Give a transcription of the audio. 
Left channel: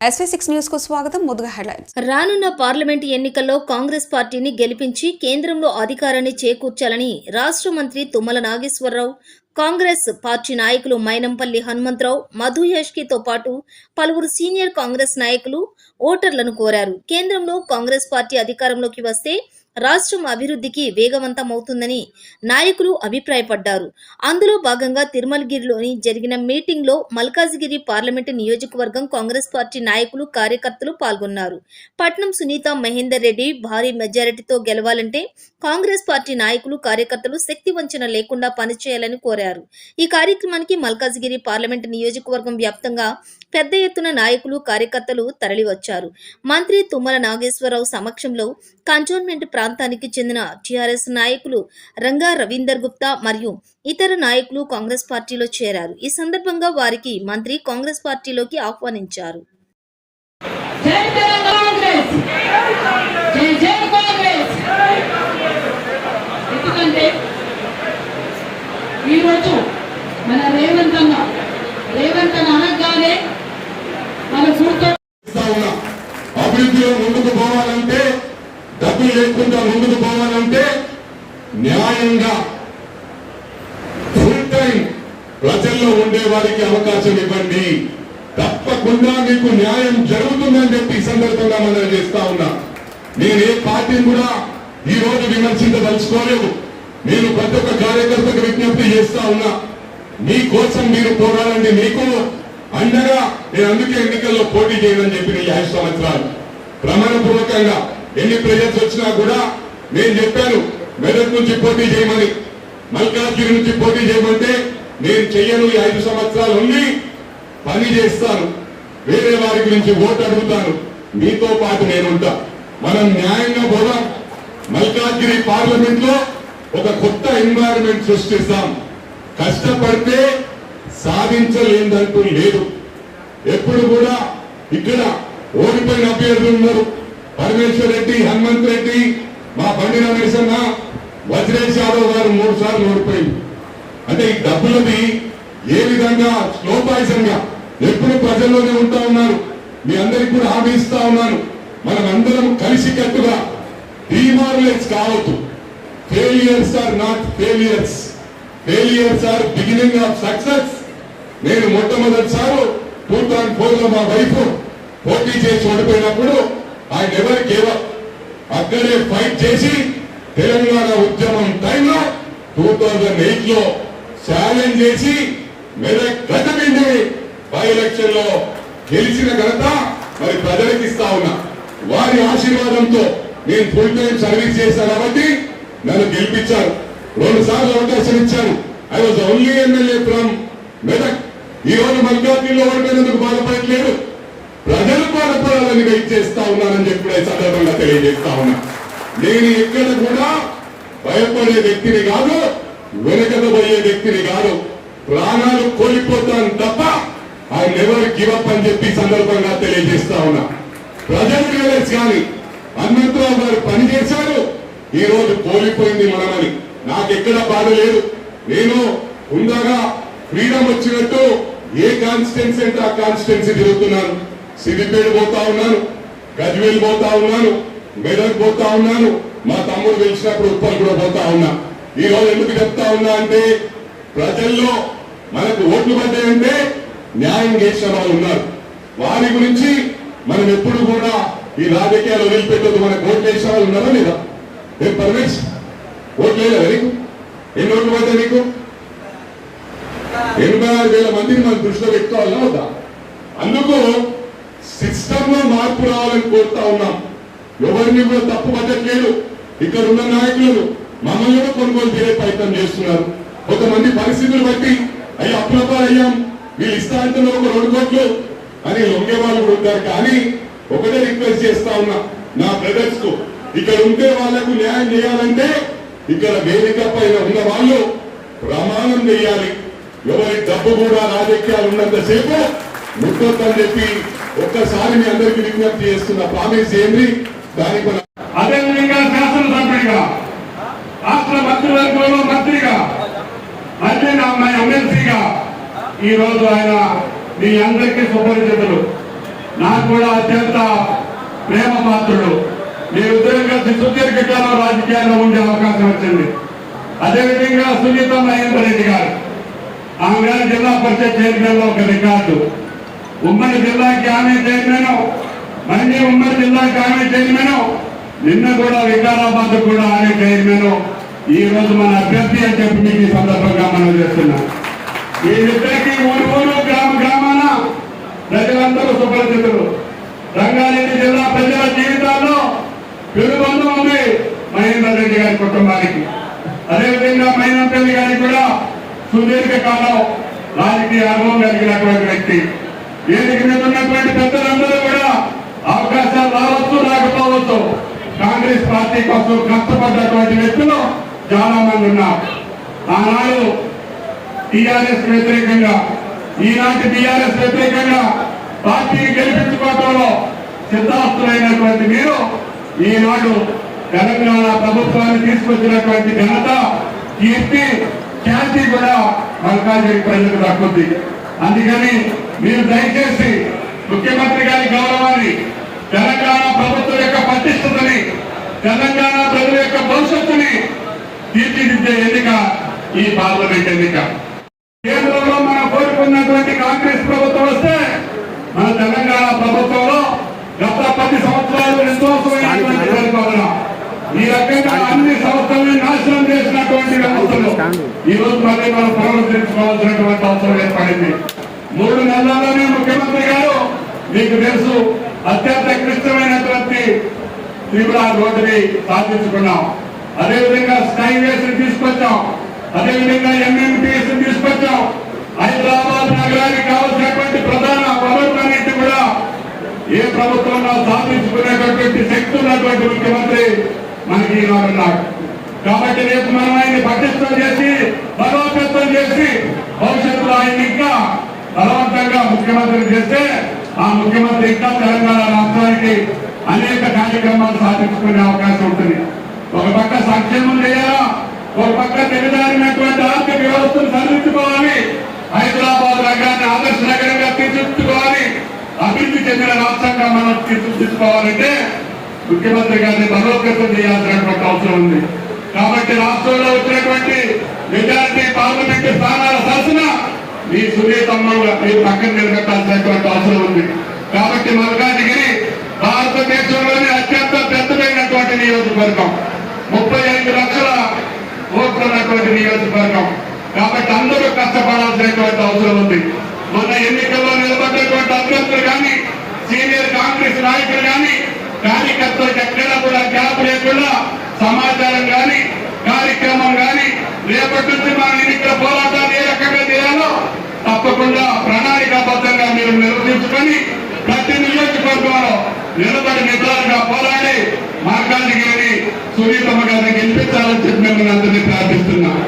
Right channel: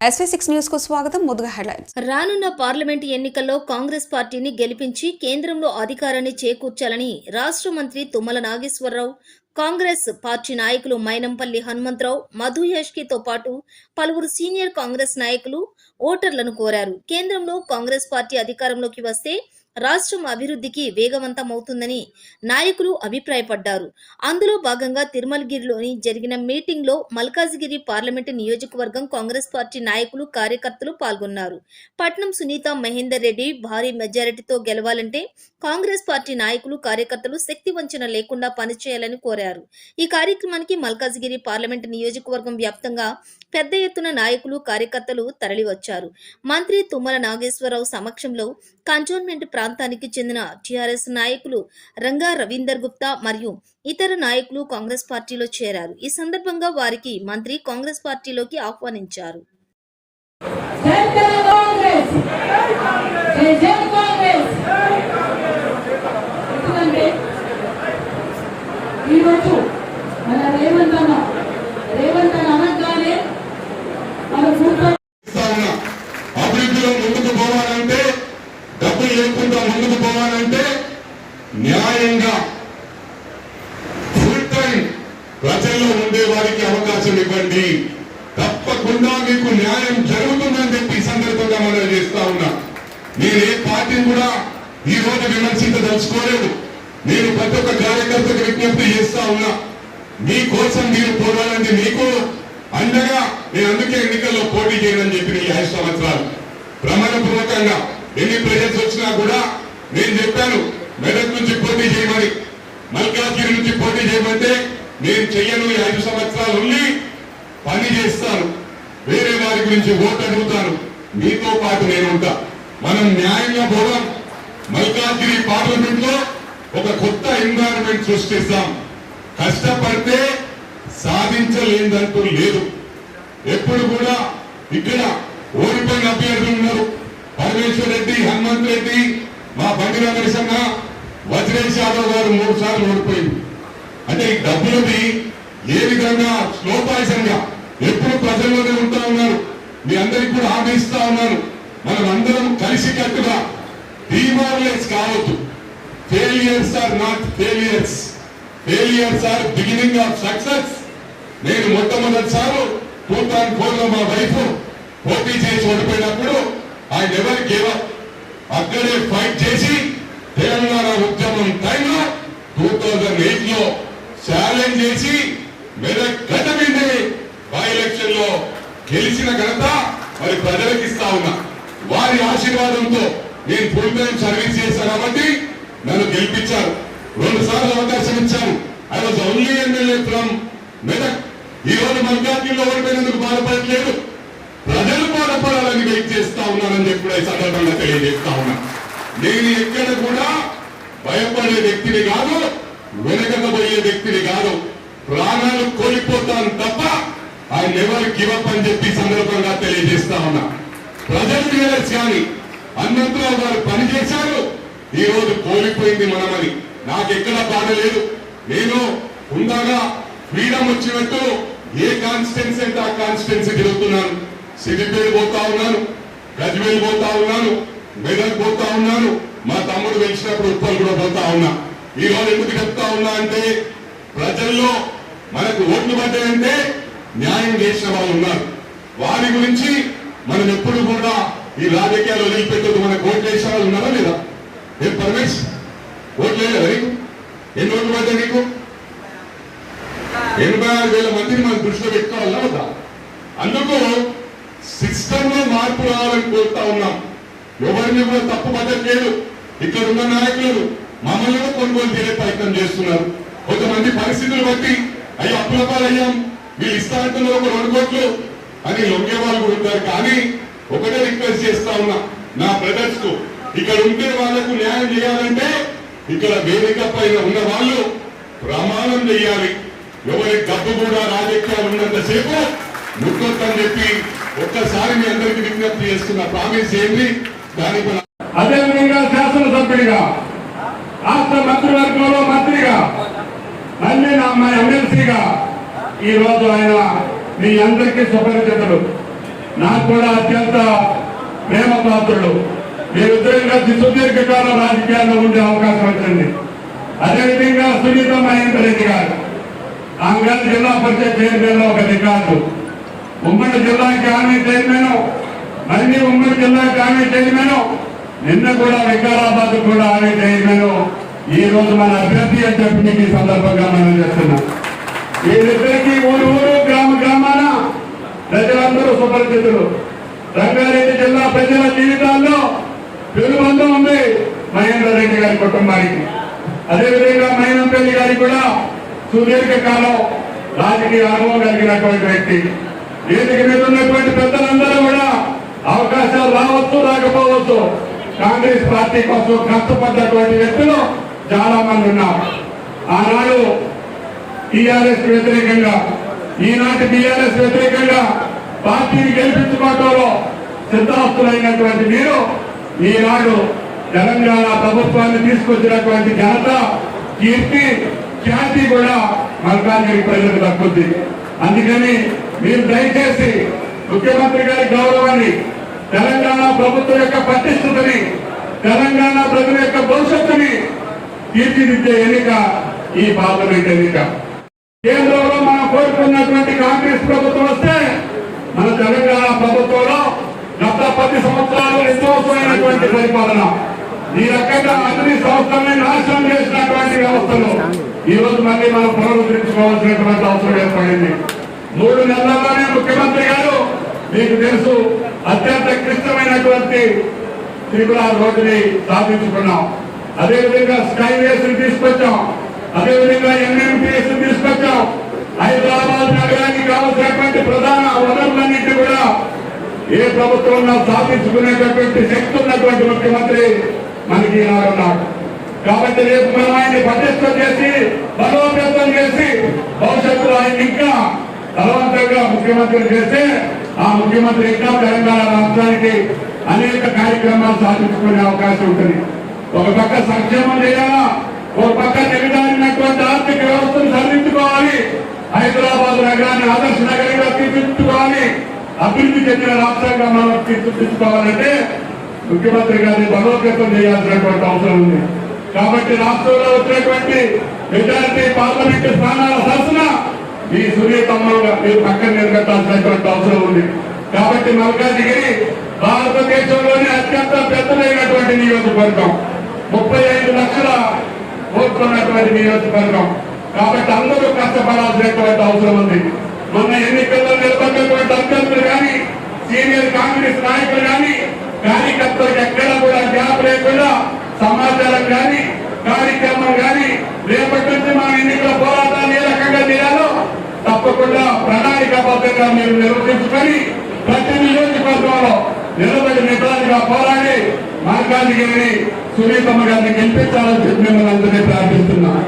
న్యూస్కు స్వాగతం ముందుగా హెడ్లైన్స్ రానున్న పార్లమెంట్ ఎన్నికల్లో కాంగ్రెస్ పార్టీని గెలిపించి కేంద్రంలో అధికారాన్ని చేకూర్చాలని రాష్ట్ర మంత్రి తుమ్మల నాగేశ్వరరావు కాంగ్రెస్ పార్టీ నాయకులు మైనంపల్లి హనుమంతరావు మధు యాష్కితో పాటు పలువురు సీనియర్ కాంగ్రెస్ నాయకులు ఓటర్లను కోరారు. కేంద్రంలో కాంగ్రెస్ పార్టీ అధికారంలోకి వస్తే రాష్ట్రం అభివృద్ధికి వేగవంతమవుతుందని నాయకులు అభిప్రాయపడ్డారు. అందులో భాగంగా తిరుమలగిరిలోని జరిగిన మీటింగ్లో మల్కాజిగిరి పార్లమెంటు నియోజకవర్గం కాంగ్రెస్ పార్టీ నాయకులు కార్యకర్తలు పాల్గొన్నారు. పట్నం సునీత మహేందర్ రెడ్డి భారీ మెజారిటీతో గెలవాలంటే కాంగ్రెస్ పార్టీ నాయకులు కార్యకర్తలు శక్తి వంచన లేకుండా పనిచేయాలని కోరారు. ఈ కార్యక్రమానికి మల్కాజిగిరి పార్లమెంటు నియోజకవర్గం వ్యాప్తంగా పెద్ద ఎత్తున నాయకులు కార్యకర్తలు తరలివచ్చారు. మంత్రి తుమ్మల నాగేశ్వరరావు సమక్షంలో కంటోన్మెంట్ ప్రాంతానికి చెందిన టీఆర్ఎస్ నాయకులు రంగా రవీందర్ గుప్తా మరియు ఇతర నాయకులు కాంగ్రెస్ పార్టీలో చేరారు. ఈ సందర్భంగా వారికి మంత్రి కాంగ్రెస్ పార్టీలోకి ఆహ్వానించారు. ఈరోజు మన రేవంత్ అన్న రేవంత్ అన్న అనగానే మన గుర్తు చేస్తా ఉన్నా అభివృద్ధిలో ముందుకు పోవాలంటే డబ్బులు ముందుకు పోవాలంటే న్యాయంగా ఫుల్ టైం ప్రజల్లో ఉండే వారికి అవకాశం ఇవ్వండి. తప్పకుండా మీకు న్యాయం జరుగుతుందని చెప్పి ఈ సందర్భంగా మనం చేస్తా ఉన్నా. నేను ఏ పార్టీని కూడా ఈ రోజు విమర్శించదలుచుకోలేదు నేను ప్రతి ఒక్క కార్యకర్తకు విజ్ఞప్తి చేస్తా ఉన్నా. మీ కోసం మీరు పోరాడండి. మీకు అండగా నేను అందుకే ఎన్నికల్లో పోటీ చేయనని చెప్పిన ఈ ఐదు సంవత్సరాలు ప్రమాణపూర్వకంగా ఎన్ని ప్రజెంట్స్ వచ్చినా కూడా నేను చెప్పాను మెదక్ నుంచి పోటీ చేయమని. మల్కాజ్గిరి నుంచి పోటీ చేయమంటే నేను చెయ్యను ఈ ఐదు సంవత్సరాలు ఉండి పని చేస్తాను వేరే వారి గురించి ఓటు అడుగుతాను మీతో పాటు నేను ఉంటా. మనం న్యాయంగా పోదాం. మల్కాజ్గిరి పార్లమెంట్లో ఒక కొత్త ఎన్వైరన్మెంట్ సృష్టిస్తాం. కష్టపడితే సాధించలేదంటూ లేదు. ఎప్పుడు కూడా ఇక్కడ ఓడిపోయిన అభ్యర్థులు ఉన్నారు. పరమేశ్వర్ రెడ్డి హనుమంత్ రెడ్డి మా బండి రమేశన్న వజ్రేష్ యాదవ్ గారు మూడు సార్లు ఓడిపోయింది. అంటే ఈ డబ్బులది ఏ విధంగా స్లోపాయసంగా ఎప్పుడు ప్రజల్లోనే ఉంటా ఉన్నారు. మీ అందరికి కూడా హామీ ఇస్తా ఉన్నాను మనం అందరం కలిసి కట్టుగా డిమారలైజ్ కావద్దు. Failures are not failures. Failures are beginning of success. నేను మొట్టమొదటిసారి టూ థౌసండ్ ఫోర్లో మా వైఫ్ పోటీ చేసి ఓడిపోయినప్పుడు ఆయన ఎవరు కేవలం అక్కడే ఫైట్ చేసి తెలంగాణ ఉద్యమం టైంలో టూ థౌజండ్ ఎయిట్లో ఛాలెంజ్ చేసి మెదక్ గతమింది బై ఎలక్షన్లో గెలిచిన ఘనత మరి ప్రజలకు ఇస్తా ఉన్నా. వారి ఆశీర్వాదంతో నేను ఫుల్ టైం సర్వీస్ చేశాను కాబట్టి నన్ను గెలిపించారు. రెండు సార్లు అవకాశం ఇచ్చాను I was only MLA from Medak. ఈ రోజు మల్కాజ్గిరిలో ఓడిపోయినందుకు బాధపడట్లేదు. ప్రజలు బాధపడాలని వెయిట్ చేస్తా ఉన్నానని చెప్పి కూడా ఈ సందర్భంగా తెలియజేస్తా ఉన్నా. నేను ఎక్కడ కూడా భయపడే వ్యక్తిని కాదు వెనకబోయే వ్యక్తిని కాదు. ప్రాణాలు కోల్పోతాను తప్ప ఆయన ఎవరు గివప్ అని చెప్పి సందర్భంగా తెలియజేస్తా ఉన్నా. ప్రజలు రియలైజ్ కానీ హనుమంతరావు గారు పనిచేశారు ఈ రోజు కోల్పోయింది మనమని. నాకెక్కడ బాధ లేదు. నేను ఉండగా ఫ్రీడమ్ వచ్చినట్టు ఏ కాన్స్టిట్యున్సీ అంటే ఆ కాన్స్టిట్యున్సీ తిరుగుతున్నాను. సిద్దిపేట పోతా ఉన్నాను గజ్వేల్ పోతా ఉన్నాను మెదక్ పోతా ఉన్నాను మా తమ్ముడు గెలిచినప్పుడు ఉప్పల్ కూడా పోతా ఉన్నా. ఈ రోజు ఎందుకు చెప్తా ఉన్నా అంటే ప్రజల్లో మనకు ఓట్లు పడ్డాయంటే న్యాయం చేసిన వాళ్ళు ఉన్నారు. వారి గురించి మనం ఎప్పుడు కూడా ఈ రాజకీయాలు వదిలిపెట్టదు మనకు ఓట్లు వేసిన వాళ్ళు ఉన్నారా లేదా? రేపు పర్మిట్స్ ఓట్లు లేదా నీకు? ఎన్ని ఓట్లు పడ్డాయి నీకు? ఎనభై ఆరు వేల మందిని మనం దృష్టిలో పెట్టుకోవాలా అందుకు రాష్ట్రంలో మార్పు రావాలని కోరుతా ఉన్నాం. ఎవరిని కూడా తప్పు పట్టట్లేదు ఇక్కడ ఉన్న నాయకులు మమ్మల్ని కూడా కొనుగోలు చేయ ప్రయత్నం చేస్తున్నారు. కొంతమంది పరిస్థితులు బట్టి అయ్యి అప్లపాలయ్యాం వీళ్ళు ఇష్టాంతంలో ఒక రెండు కోట్లు అని లొంగే వాళ్ళు ఉంటారు. కానీ ఒకటే రిక్వెస్ట్ చేస్తా ఉన్నా నా బ్రదర్స్కు ఇక్కడ ఉంటే వాళ్ళకు న్యాయం చేయాలంటే ఇక్కడ వేదిక పైన ఉన్న వాళ్ళు ప్రమాణం చేయాలి. ఎవరి డబ్బు కూడా రాజకీయాలు ఉన్నంతసేపు ముట్టొద్దని చెప్పి ఒక్కసారి మీ అందరికీ విజ్ఞప్తి చేస్తున్న ప్రామిస్ చేయండి దానికి అదేవిధంగా శాసనసభ్యుడిగా రాష్ట్ర మంత్రివర్గంలో మంత్రిగా మళ్ళీ నా అమ్మాయి ఎమ్మెల్సీగా ఈ రోజు ఆయన మీ అందరికీ సుపరిచితులు. నాకు కూడా అత్యంత ప్రేమ పాత్రుడు మీరిద్దరం కలిసి సుదీర్ఘకాలం రాజకీయాల్లో ఉండే అవకాశం వచ్చింది. అదేవిధంగా సునీత మహేందర్ రెడ్డి గారు ఆమె జిల్లా పరిషత్ చైర్మన్లో ఒక రికార్డు. ఉమ్మడి జిల్లాకి ఆమె చైర్మన్ మళ్ళీ ఉమ్మడి జిల్లాకి ఆమె చైర్మన్ నిన్న కూడా వికారాబాద్ కూడా ఆమె చైర్మన్ ఈ రోజు మన అభ్యర్థి అని చెప్పి మీకు ఈ సందర్భంగా మనం చేస్తున్నాం. వీరిద్దరికి ఊరు ఊరు గ్రామ గ్రామాన ప్రజలందరూ సుపరిచితులు. రంగారెడ్డి జిల్లా ప్రజల జీవితాల్లో పెరుబంధం ఉంది మహేందర్ రెడ్డి గారి కుటుంబానికి. అదేవిధంగా మహేందర్ రెడ్డి గారికి కూడా సుదీర్ఘ కాలం రాజకీయ అనుభవం కలిగినటువంటి వ్యక్తి. వేదిక మీద ఉన్నటువంటి పెద్దలందరూ కూడా అవకాశాలు రావచ్చు రాకపోవచ్చు. కాంగ్రెస్ పార్టీ కోసం కష్టపడ్డటువంటి వ్యక్తులు చాలా మంది ఉన్నారు. ఆనాడు టీఆర్ఎస్ వ్యతిరేకంగా ఈనాటి టీఆర్ఎస్ వ్యతిరేకంగా పార్టీని గెలిపించుకోవడంలో సిద్ధాస్తులైనటువంటి మీరు ఈనాడు తెలంగాణ ప్రభుత్వాన్ని తీసుకొచ్చినటువంటి ఘనత కీర్తి ఖ్యాతి కూడా మల్కాజ్గిరి ప్రజలకు దక్కుద్ది. అందుకని మీరు దయచేసి ముఖ్యమంత్రి గారి గౌరవాన్ని తెలంగాణ ప్రభుత్వం యొక్క పటిష్టతని తెలంగాణ ప్రజల యొక్క భవిష్యత్తుని తీర్చిదిద్దే ఎన్నిక ఈ పార్లమెంట్ ఎన్నిక. కేంద్రంలో మనం కోరుకున్నటువంటి కాంగ్రెస్ ప్రభుత్వం వస్తే మన తెలంగాణ ప్రభుత్వంలో గత పది సంవత్సరాలు నిర్దోషమైనటువంటి పరిపాలన. ఈ రకంగా అన్ని సంస్థలని నాశనం చేసినటువంటి వ్యవస్థలు. ఈ రోజు మళ్ళీ మనం పునరుద్ధరించుకోవాల్సినటువంటి అవసరం ఏర్పడింది. మూడు నెలల్లోనే ముఖ్యమంత్రి గారు మీకు తెలుసు అత్యంత క్లిష్టమైనటువంటి త్రిపుర రోడ్డుని సాధించుకున్నాం అదేవిధంగా స్కైవేస్ తీసుకొచ్చాం. అదేవిధంగా ఎంఎంటీఎస్ తీసుకొచ్చాం. హైదరాబాద్ నగరానికి కావలసినటువంటి ప్రధాన వనరులన్నింటి కూడా ఏ ప్రభుత్వంలో సాధించుకునేటటువంటి శక్తి ఉన్నటువంటి ముఖ్యమంత్రి మనకి ఈనాడున్నాడు కాబట్టి రేపు మనం ఆయన్ని పటిష్టం చేసి బలోపేతం చేసి భవిష్యత్తులో ఆయన ఇంకా బలవంతంగా ముఖ్యమంత్రి చేస్తే ఆ ముఖ్యమంత్రి ఇంకా తెలంగాణ రాష్ట్రానికి అనేక కార్యక్రమాలు సాధించుకునే అవకాశం ఉంటుంది. ఒక పక్క సంక్షేమం చేయాలా? ఒక పక్క నిలదారినటువంటి ఆర్థిక వ్యవస్థను సరిదిద్దుకోవాలి. హైదరాబాద్ నగరాన్ని ఆదర్శ నగరంగా తీర్చిదిద్దుకోవాలి. అభివృద్ధి చెందిన రాష్ట్రంగా మనం తీర్చిదిద్దుకోవాలంటే ముఖ్యమంత్రి గారిని బలోపేతం చేయాల్సినటువంటి అవసరం ఉంది. కాబట్టి రాష్ట్రంలో వచ్చినటువంటి మెజారిటీ పార్లమెంటు స్థానాల సరసన మీ సునీతమ్మగా మీరు పక్కన నిలబెట్టాల్సినటువంటి అవసరం ఉంది. కాబట్టి మల్కాజిగిరి భారతదేశంలోనే అత్యంత పెద్దదైనటువంటి నియోజకవర్గం. ముప్పై ఐదు లక్షల ఓట్లున్నటువంటి నియోజకవర్గం. కాబట్టి అందరూ కష్టపడాల్సినటువంటి అవసరం ఉంది. మొన్న ఎన్నికల్లో నిలబడినటువంటి అభ్యర్థులు కానీ సీనియర్ కాంగ్రెస్ నాయకులు కానీ కార్యకర్తలు ఎక్కడా కూడా గ్యాప్ లేకుండా సమాచారం కానీ కార్యక్రమం కానీ రేపటి నుంచి మన ఎన్నికల పోరాటాలు ఏ రకంగా చేయాలో తప్పకుండా ప్రణాళికాబద్ధంగా మీరు నిర్వహించుకొని ప్రతి నియోజకవర్గంలో నిలబడి నిటారుగా పోరాడి మార్గాన్ని గారి సునీతమ్మ గారిని గెలిపించాలని చెప్పి మిమ్మల్ని అందరినీ ప్రార్థిస్తున్నాం.